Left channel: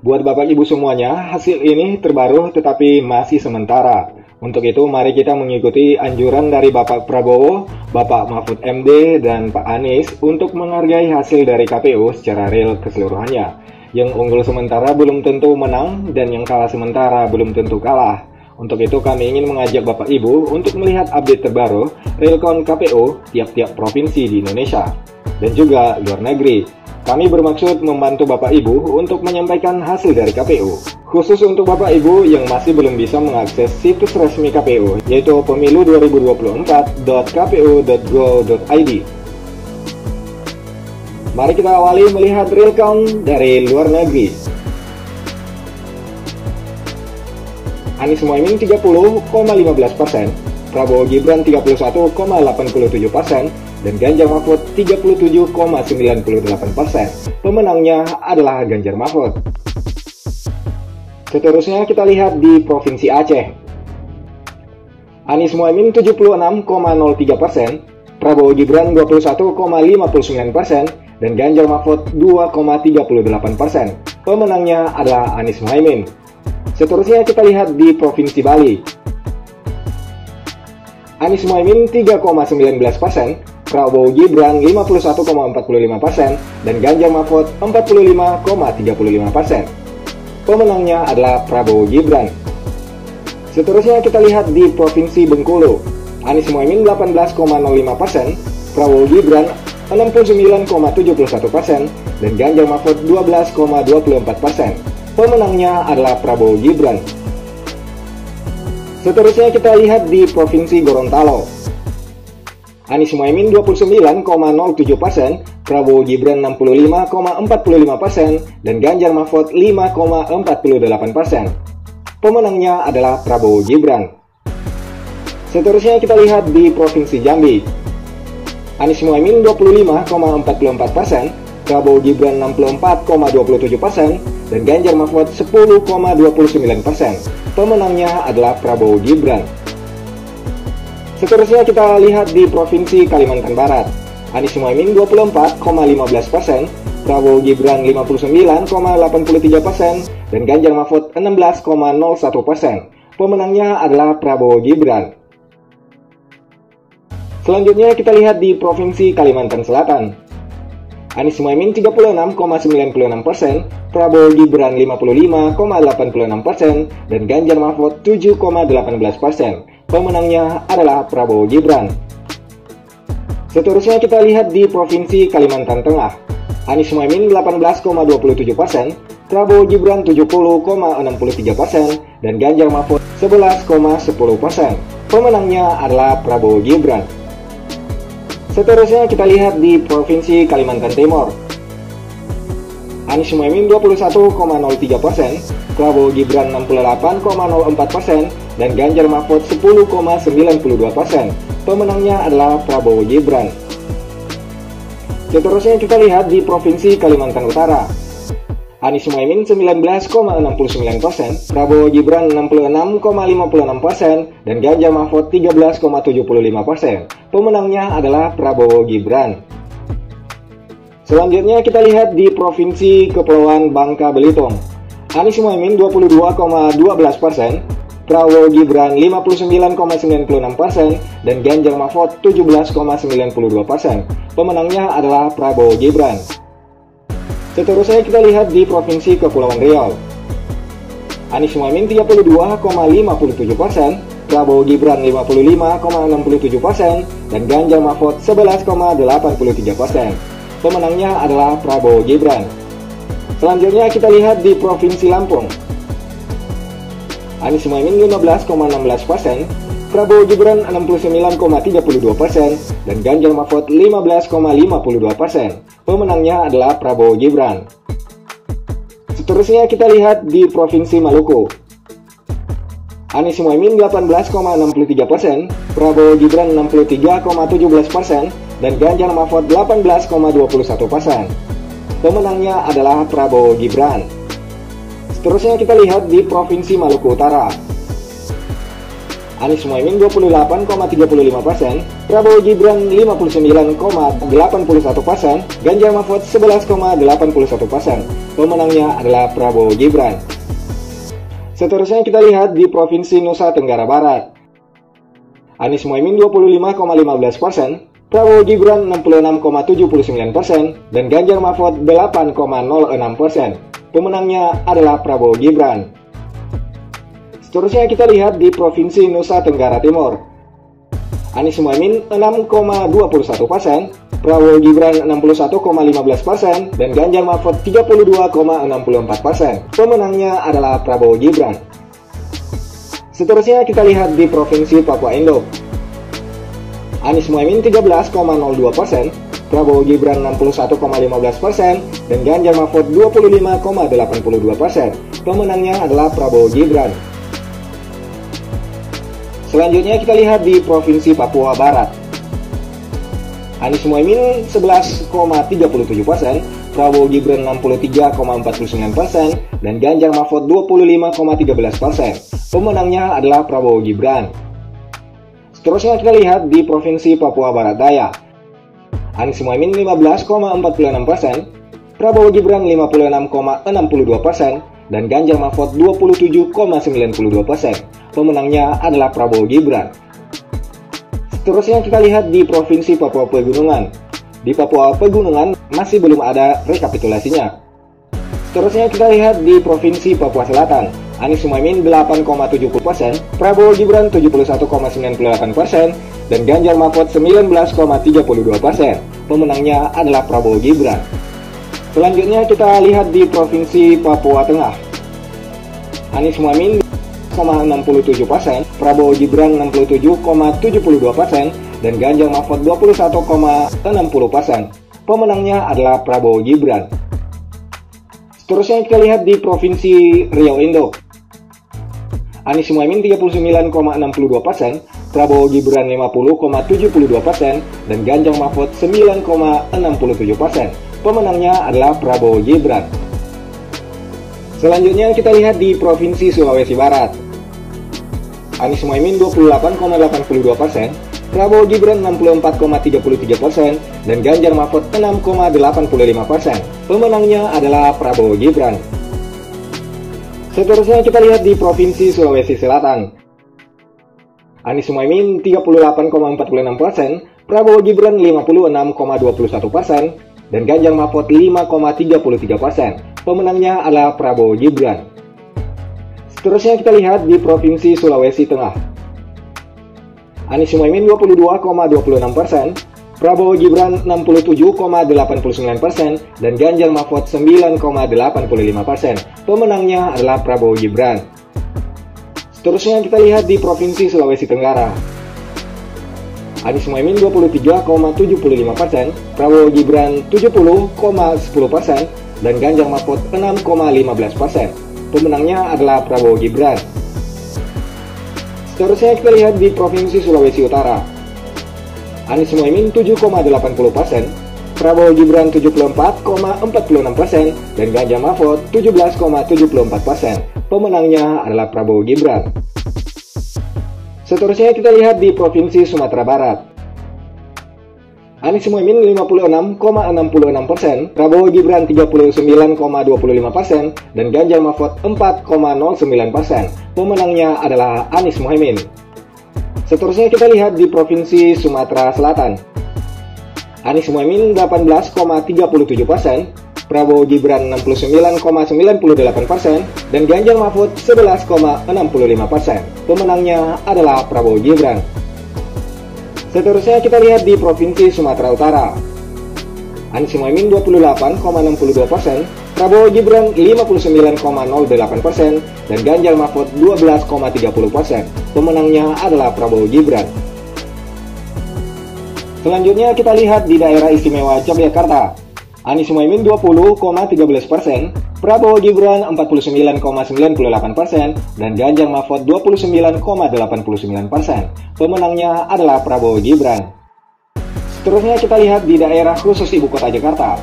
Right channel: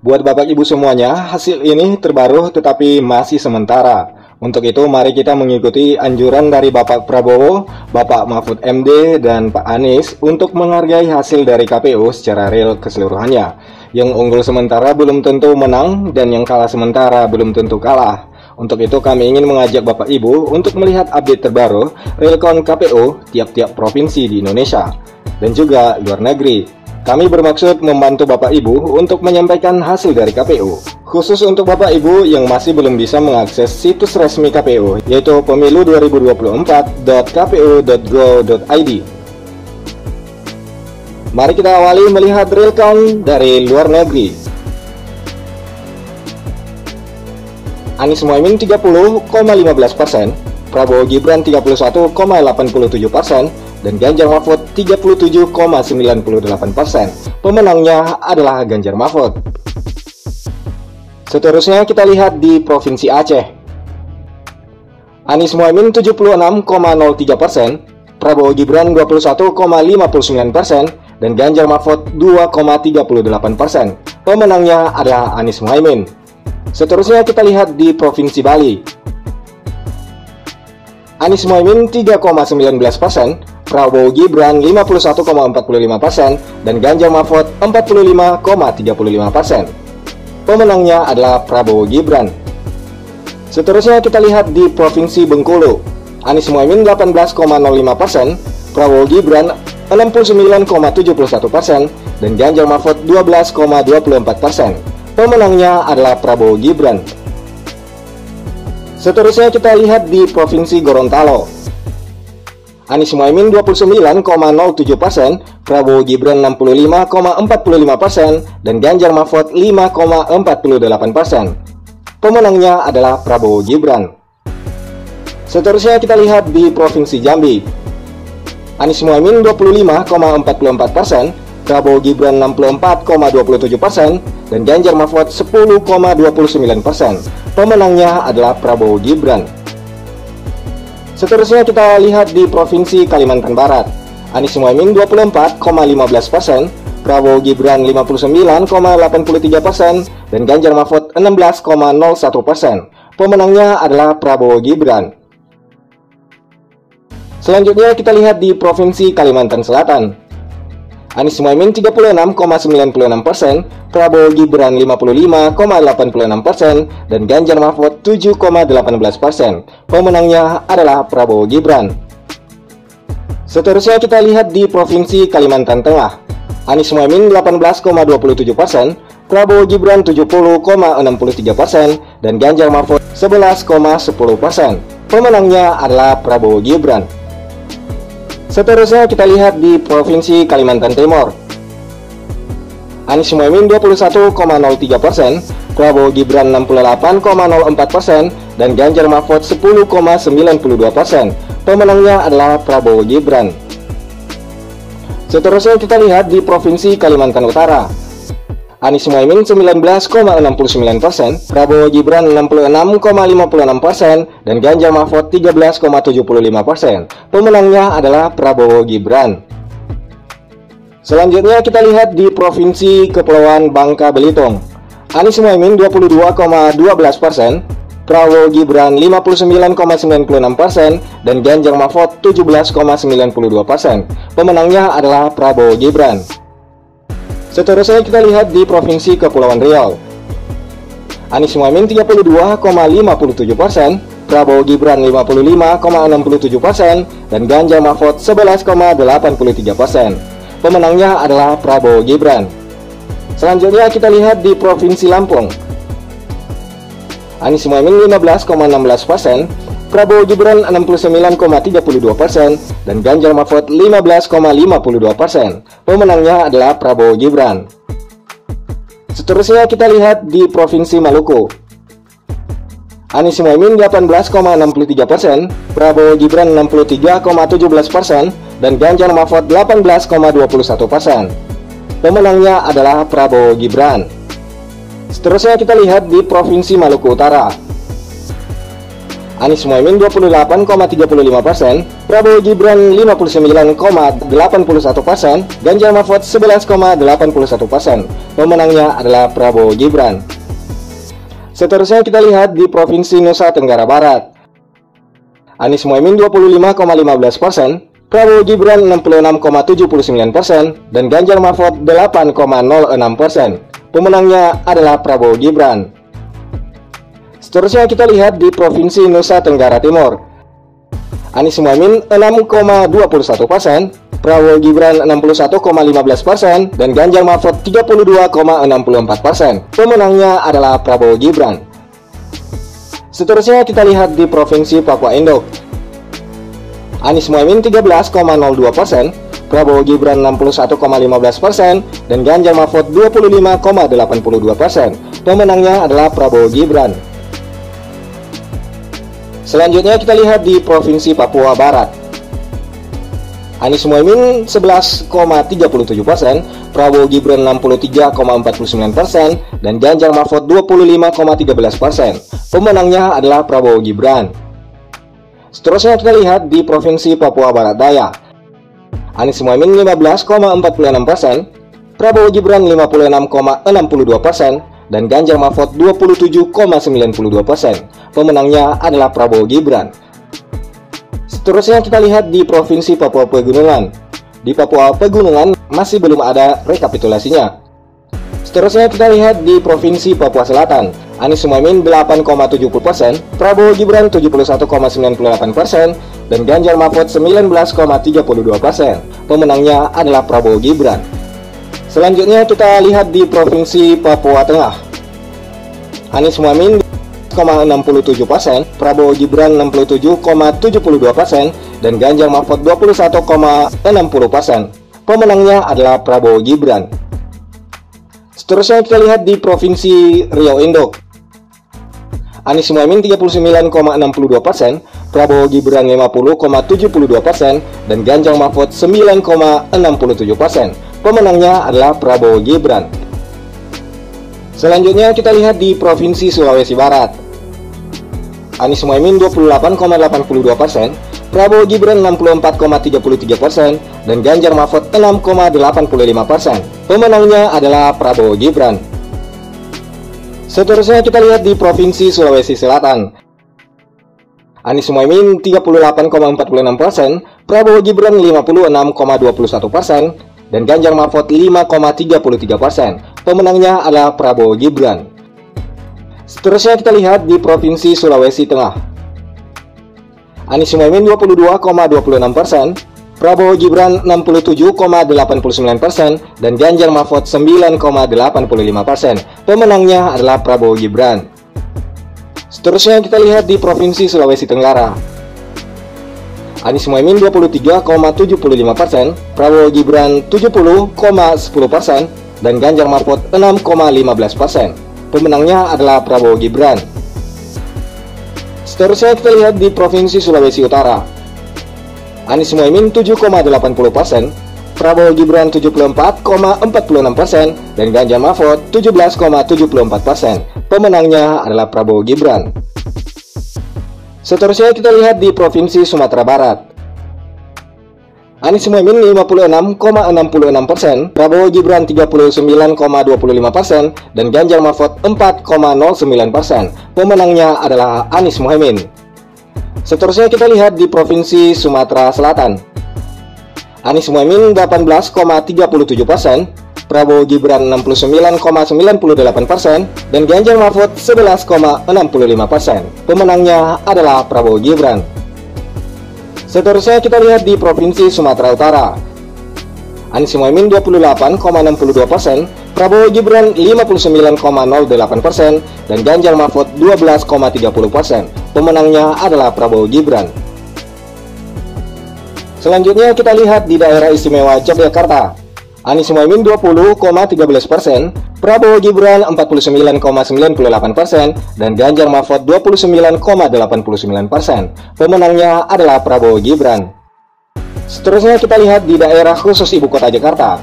Buat Bapak Ibu semuanya, hasil ini terbaru tetapi masih sementara. Untuk itu mari kita mengikuti anjuran dari Bapak Prabowo, Bapak Mahfud MD, dan Pak Anies untuk menghargai hasil dari KPU secara real keseluruhannya. Yang unggul sementara belum tentu menang dan yang kalah sementara belum tentu kalah. Untuk itu kami ingin mengajak Bapak Ibu untuk melihat update terbaru real count KPU tiap-tiap provinsi di Indonesia dan juga luar negeri. Kami bermaksud membantu Bapak Ibu untuk menyampaikan hasil dari KPU. Khusus untuk Bapak Ibu yang masih belum bisa mengakses situs resmi KPU, yaitu pemilu2024.kpu.go.id. Mari kita awali melihat real count dari luar negeri. Anies Mohaimin 30,15%, Prabowo Gibran 31,87%, dan Ganjar Mahfud 37,98%. Pemenangnya adalah Ganjar Mahfud. Seterusnya kita lihat di Provinsi Aceh. Anies Mohaimin 76,03%, Prabowo Gibran 21,59%, dan Ganjar Mahfud 2,38%. Pemenangnya adalah Anies Mohaimin. Seterusnya kita lihat di Provinsi Bali. Anies Mohaimin 3,19%, Prabowo Gibran 51,45%, dan Ganjar Mahfud 45,35%. Pemenangnya adalah Prabowo Gibran. Seterusnya kita lihat di Provinsi Bengkulu. Anies Mohaimin 18,05%, Prabowo Gibran 69,71%, dan Ganjar Mahfud 12,24%. Pemenangnya adalah Prabowo Gibran. Seterusnya kita lihat di Provinsi Gorontalo. Anies Mohaimin 29,07%, Prabowo Gibran 65,45%, dan Ganjar Mahfud 5,48%. Pemenangnya adalah Prabowo Gibran. Seterusnya kita lihat di Provinsi Jambi. Anies Mohaimin 25,44%, Prabowo Gibran 64,27%, dan Ganjar Mahfud 10,29%. Pemenangnya adalah Prabowo Gibran. Seterusnya kita lihat di Provinsi Kalimantan Barat. Anies Mohaimin 24,15%, Prabowo Gibran 59,83%, dan Ganjar Mahfud 16,01%. Pemenangnya adalah Prabowo Gibran. Selanjutnya kita lihat di Provinsi Kalimantan Selatan. Anies Mohaimin 36,96%, Prabowo Gibran 55,86%, dan Ganjar Mahfud 7,18%. Pemenangnya adalah Prabowo Gibran. Seterusnya kita lihat di Provinsi Kalimantan Tengah. Anies Mohaimin 18,27%, Prabowo Gibran 70,63%, dan Ganjar Mahfud 11,10%. Pemenangnya adalah Prabowo Gibran. Seterusnya kita lihat di Provinsi Kalimantan Timur. Anies Mohaimin 21,03%, Prabowo Gibran 68,04%, dan Ganjar Mahfud 10,92%. Pemenangnya adalah Prabowo Gibran. Seterusnya kita lihat di Provinsi Kalimantan Utara. Anies Mohaimin 19,69%, Prabowo Gibran 66,56%, dan Ganjar Mahfud 13,75%. Pemenangnya adalah Prabowo Gibran. Selanjutnya kita lihat di Provinsi Kepulauan Bangka Belitung. Anies Mohaimin 22,12%, Prabowo Gibran 59,96%, dan Ganjar Mahfud 17,92%. Pemenangnya adalah Prabowo Gibran. Seterusnya kita lihat di Provinsi Kepulauan Riau. Anies Mohaimin 32,57%, Prabowo Gibran 55,67%, dan Ganjar Mahfud 11,83%. Pemenangnya adalah Prabowo Gibran. Selanjutnya kita lihat di Provinsi Lampung. Anies Mohaimin 15,16%, Prabowo Gibran 69,32%, dan Ganjar Mahfud 15,52%. Pemenangnya adalah Prabowo Gibran. Seterusnya kita lihat di Provinsi Maluku. Anies Mohaimin 18,63%, Prabowo Gibran 63,17%, dan Ganjar Mahfud 18,21%. Pemenangnya adalah Prabowo Gibran. Seterusnya kita lihat di Provinsi Maluku Utara. Anies Mohaimin 28,35%, Prabowo Gibran 59,81%, Ganjar Mahfud 11,81%. Pemenangnya adalah Prabowo Gibran. Seterusnya kita lihat di Provinsi Nusa Tenggara Barat. Anies Mohaimin 25,15%, Prabowo Gibran 66,79%, dan Ganjar Mahfud 8,06%. Pemenangnya adalah Prabowo Gibran. Seterusnya kita lihat di Provinsi Nusa Tenggara Timur. Anies Mohaimin 6,21%, Prabowo Gibran 61,15%, dan Ganjar Mahfud 32,64%. Pemenangnya adalah Prabowo Gibran. Seterusnya kita lihat di Provinsi Papua Indo. Anies Mohaimin 13,02%, Prabowo Gibran 61,15%, dan Ganjar Mahfud 25,82%. Pemenangnya adalah Prabowo Gibran. Selanjutnya kita lihat di Provinsi Papua Barat. Anies Mohaimin 11,37%, Prabowo Gibran 63,49%, dan Ganjar Mahfud 25,13%. Pemenangnya adalah Prabowo Gibran. Seterusnya kita lihat di Provinsi Papua Barat Daya. Anies Mohaimin 15,46%, Prabowo Gibran 56,62%, dan Ganjar Mahfud 27,92%. Pemenangnya adalah Prabowo Gibran. Seterusnya kita lihat di Provinsi Papua Pegunungan. Di Papua Pegunungan masih belum ada rekapitulasinya. Seterusnya kita lihat di Provinsi Papua Selatan. Anies Mohaimin 8,70%, Prabowo Gibran 71,98%, dan Ganjar Mahfud 19,32%. Pemenangnya adalah Prabowo Gibran. Selanjutnya kita lihat di Provinsi Papua Tengah. Anies Mohaimin 67%, Prabowo Gibran 67,72%, dan Ganjar Mahfud 21,60%. Pemenangnya adalah Prabowo Gibran. Seterusnya kita lihat di Provinsi Riau Indo. Anies Mohaimin 39,62%, Prabowo Gibran 50,72%, dan Ganjar Mahfud 9,67%. Pemenangnya adalah Prabowo Gibran. Selanjutnya kita lihat di Provinsi Sulawesi Barat. Anies Mohaimin 28,82%, Prabowo Gibran 64,33%, dan Ganjar Mahfud 6,85%. Pemenangnya adalah Prabowo Gibran. Seterusnya kita lihat di Provinsi Sulawesi Selatan. Anies Mohaimin 38,46%, Prabowo Gibran 56,21%, dan Ganjar Mahfud 5,33%. Pemenangnya adalah Prabowo Gibran. Seterusnya kita lihat di Provinsi Sulawesi Tengah. Anies Mohaimin 22,26%, Prabowo Gibran 67,89%, dan Ganjar Mahfud 9,85%. Pemenangnya adalah Prabowo Gibran. Seterusnya kita lihat di Provinsi Sulawesi Tenggara. Anies Mohaimin 23,75%, Prabowo Gibran 70,10%, dan Ganjar Mahfud 6,15%. Pemenangnya adalah Prabowo Gibran. Seterusnya kita lihat di Provinsi Sulawesi Utara. Anies Mohaimin 7,80%, Prabowo Gibran 74,46%, dan Ganjar Mahfud 17,74%. Pemenangnya adalah Prabowo Gibran. Seterusnya kita lihat di Provinsi Sumatera Barat. Anies Mohaimin 56,66%, Prabowo Gibran 39,25%, dan Ganjar Mahfud 4,09%. Pemenangnya adalah Anies Mohaimin. Seterusnya kita lihat di Provinsi Sumatera Selatan. Anies Mohaimin 18,37%, Prabowo Gibran 69,98%, dan Ganjar Mahfud 11,65%. Pemenangnya adalah Prabowo Gibran. Seterusnya kita lihat di Provinsi Sumatera Utara. Anies Mohaimin 28,62%, Prabowo Gibran 59,08%, dan Ganjar Mahfud 12,30%. Pemenangnya adalah Prabowo Gibran. Selanjutnya kita lihat di Daerah Istimewa Yogyakarta. Anies Mohaimin 20,13%, Prabowo Gibran 49,98%, dan Ganjar Mahfud 29,89%. Pemenangnya adalah Prabowo Gibran. Seterusnya kita lihat di daerah khusus Ibu Kota Jakarta.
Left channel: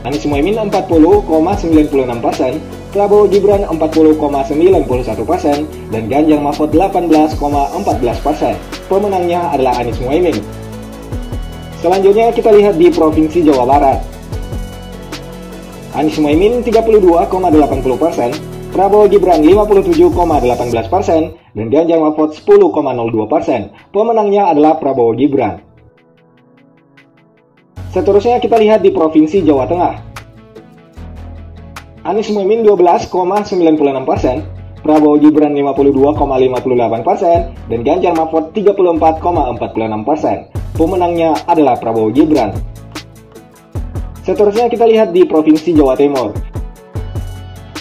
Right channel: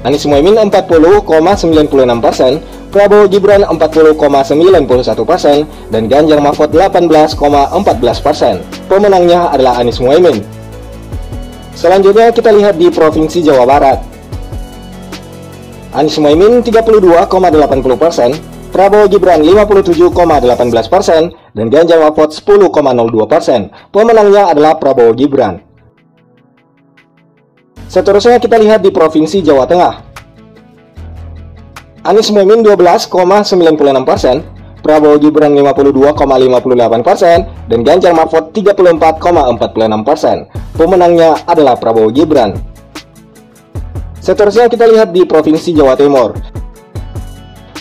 Anies Mohaimin 40,96%, Prabowo Gibran 40,91% dan Ganjar Mahfud 18,14%. Pemenangnya adalah Anies Muhaimin. Selanjutnya kita lihat di Provinsi Jawa Barat. Anies Muhaimin 32,80%, Prabowo Gibran 57,18%, dan Ganjar Mahfud 10,02%. Pemenangnya adalah Prabowo Gibran. Seterusnya kita lihat di Provinsi Jawa Tengah. Anies Muhaimin 12,96%, Prabowo Gibran 52,58%, dan Ganjar Mahfud 34,46%. Pemenangnya adalah Prabowo Gibran. Seterusnya kita lihat di Provinsi Jawa Timur.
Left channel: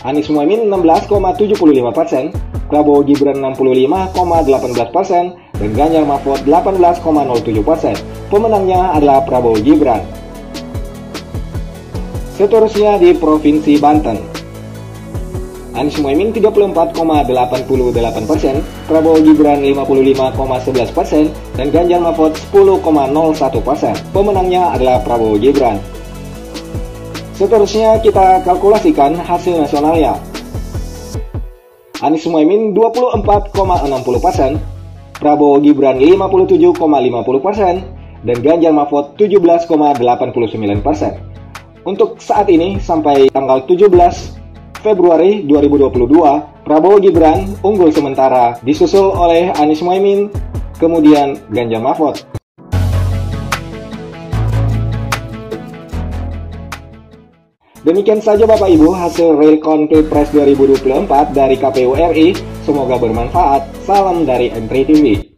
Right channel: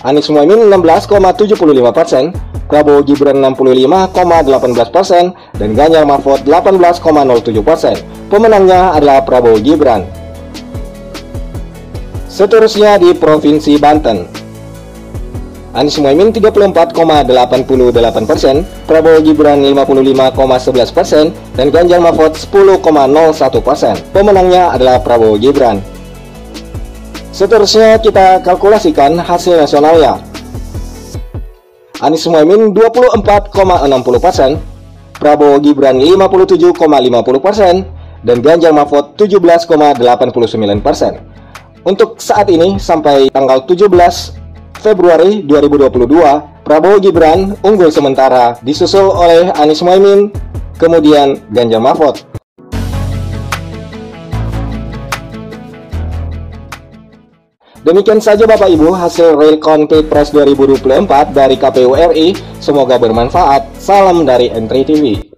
Anies Muhaimin 16,75%, Prabowo Gibran 65,18%, dan Ganjar Mahfud 18,07%. Pemenangnya adalah Prabowo Gibran. Seterusnya di Provinsi Banten. Anies Muhaimin 34,88%, Prabowo Gibran 55,11%, dan Ganjar Mahfud 10,01%. Pemenangnya adalah Prabowo Gibran. Seterusnya kita kalkulasikan hasil nasionalnya. Anies Muhaimin 24,60%, Prabowo Gibran 57,50%, dan Ganjar Mahfud 17,89%. Untuk saat ini sampai tanggal 17 Februari 2022, Prabowo Gibran unggul sementara, disusul oleh Anies Muhaimin, kemudian Ganjar Mahfud. Demikian saja Bapak Ibu hasil real count Pilpres 2024 dari KPU RI. Semoga bermanfaat. Salam dari Entri TV.